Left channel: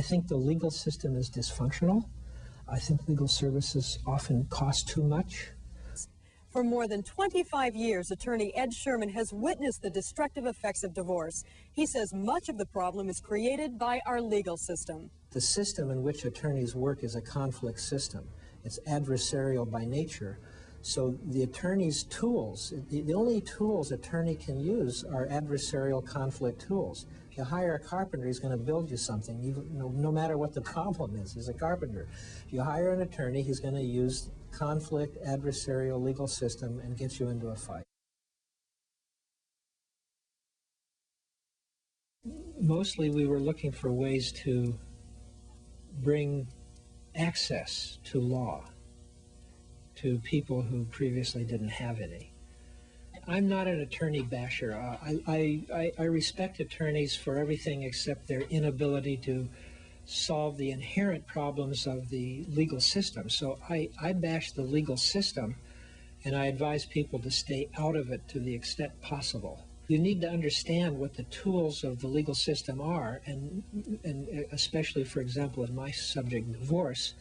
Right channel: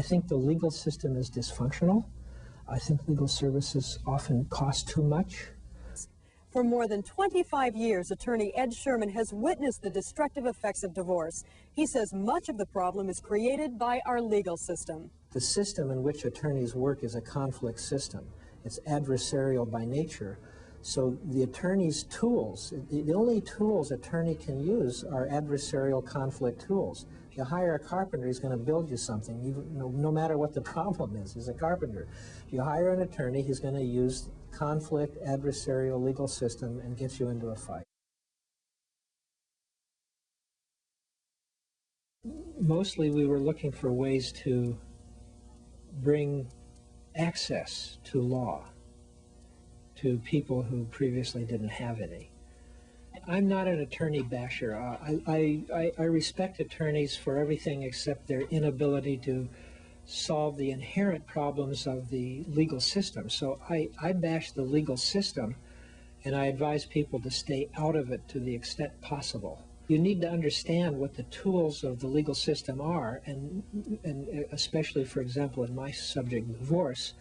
I think the legal system is dysfunctional. I think legal services often cost too much. For more than 25 years, attorney Ed Sherman has witnessed the destructive effects of divorce. He says much of the problem is created by our legal system. The system in which attorneys work is a conflict system. It's adversarial by nature. So the attorney's tools, the only tools attorney can use are adversarial conflict tools. You hire a carpenter, he's going to build you something, even, no matter what the problem is. He's a carpenter. If you hire an attorney, he's going to use conflict, adversarial legal system and get you into a fight. Mostly we were looking for ways to bring access to law to people who previously didn't have any. I'm not an attorney basher. I respect attorneys for everything except their inability to solve the inherent problems of the legal system. So I bash the legal system, and I advise people to stay out of it to the extent possible. You need to understand what the tools of the legal system are, and especially, for example, in my subject, divorce,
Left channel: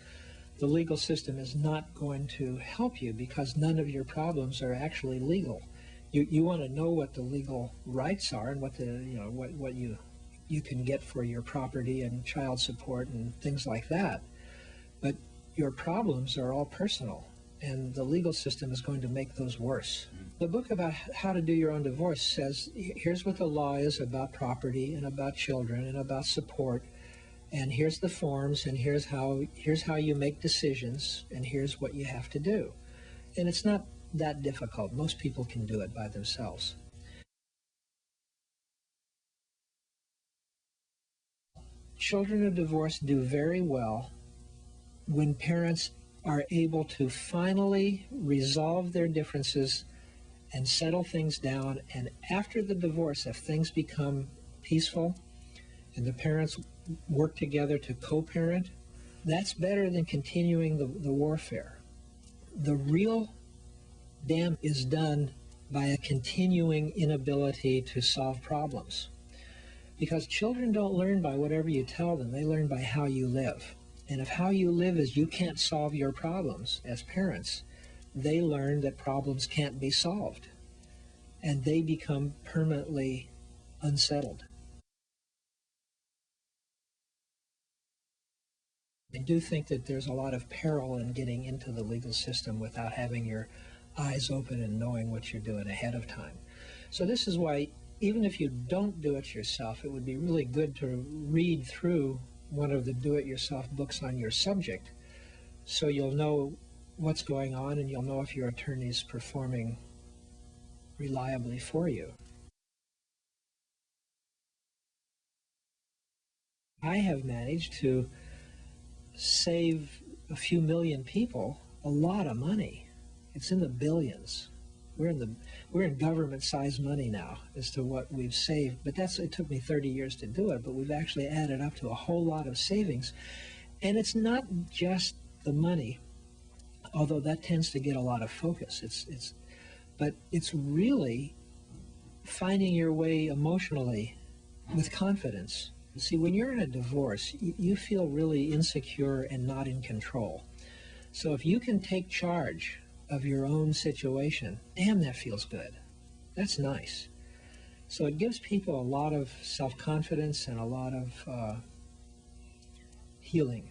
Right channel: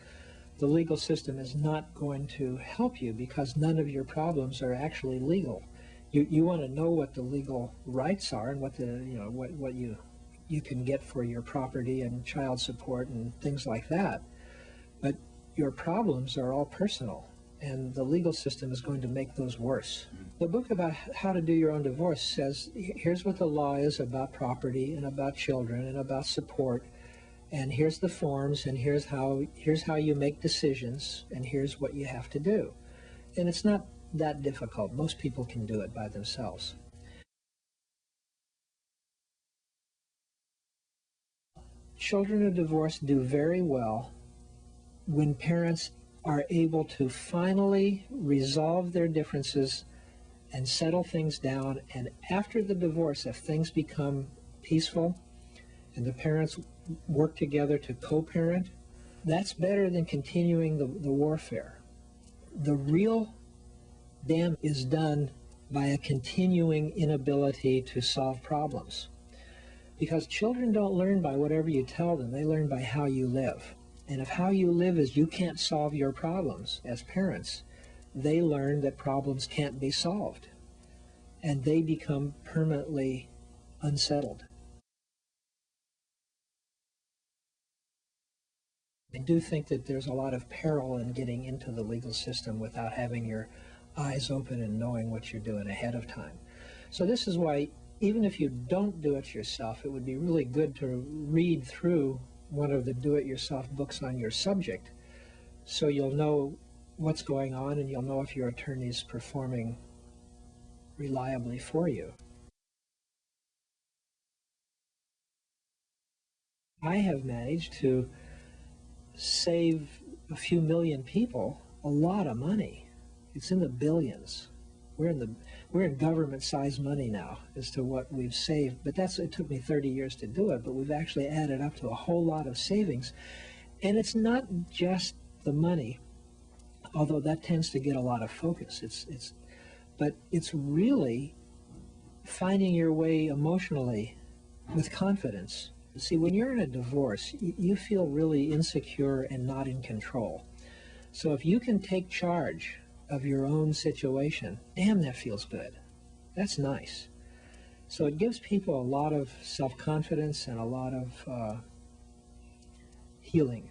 the legal system is not going to help you because none of your problems are actually legal. You want to know what the legal rights are and what the what you can get for your property and child support and things like that. But your problems are all personal, and the legal system is going to make those worse. The book about how to do your own divorce says, here's what the law is about property and about children and about support, and here's the forms, and here's how you make decisions, and here's what you have to do. And it's not that difficult. Most people can do it by themselves. Children of divorce do very well when parents are able to finally resolve their differences and settle things down, and after the divorce, if things become peaceful and the parents work together to co-parent, that's better than continuing the warfare. The real damage is done by a continuing inability to solve problems. Because children don't learn by whatever you tell them, they learn by how you live. And if how you live is you can't solve your problems as parents, they learn that problems can't be solved. And they become permanently unsettled. I do think that there's a lot of peril in getting into the legal system without having your eyes open and knowing what you're doing ahead of time. So this is why, even if you don't do it yourself, it would be really good to read through one of the do-it-yourself books on your subject, so you'll know what's going on and you'll know if your attorney's performing reliably for you. I have managed to save a few million people a lot of money. It's in the billions. We're in government-sized money now as to what we've saved, but it took me 30 years to do it, but we've actually added up to a whole lot of savings. And it's not just the money, although that tends to get a lot of focus. But it's really finding your way emotionally with confidence. See, when you're in a divorce, you feel really insecure and not in control. So if you can take charge of your own situation, damn, that feels good. That's nice. So it gives people a lot of self-confidence and a lot of healing.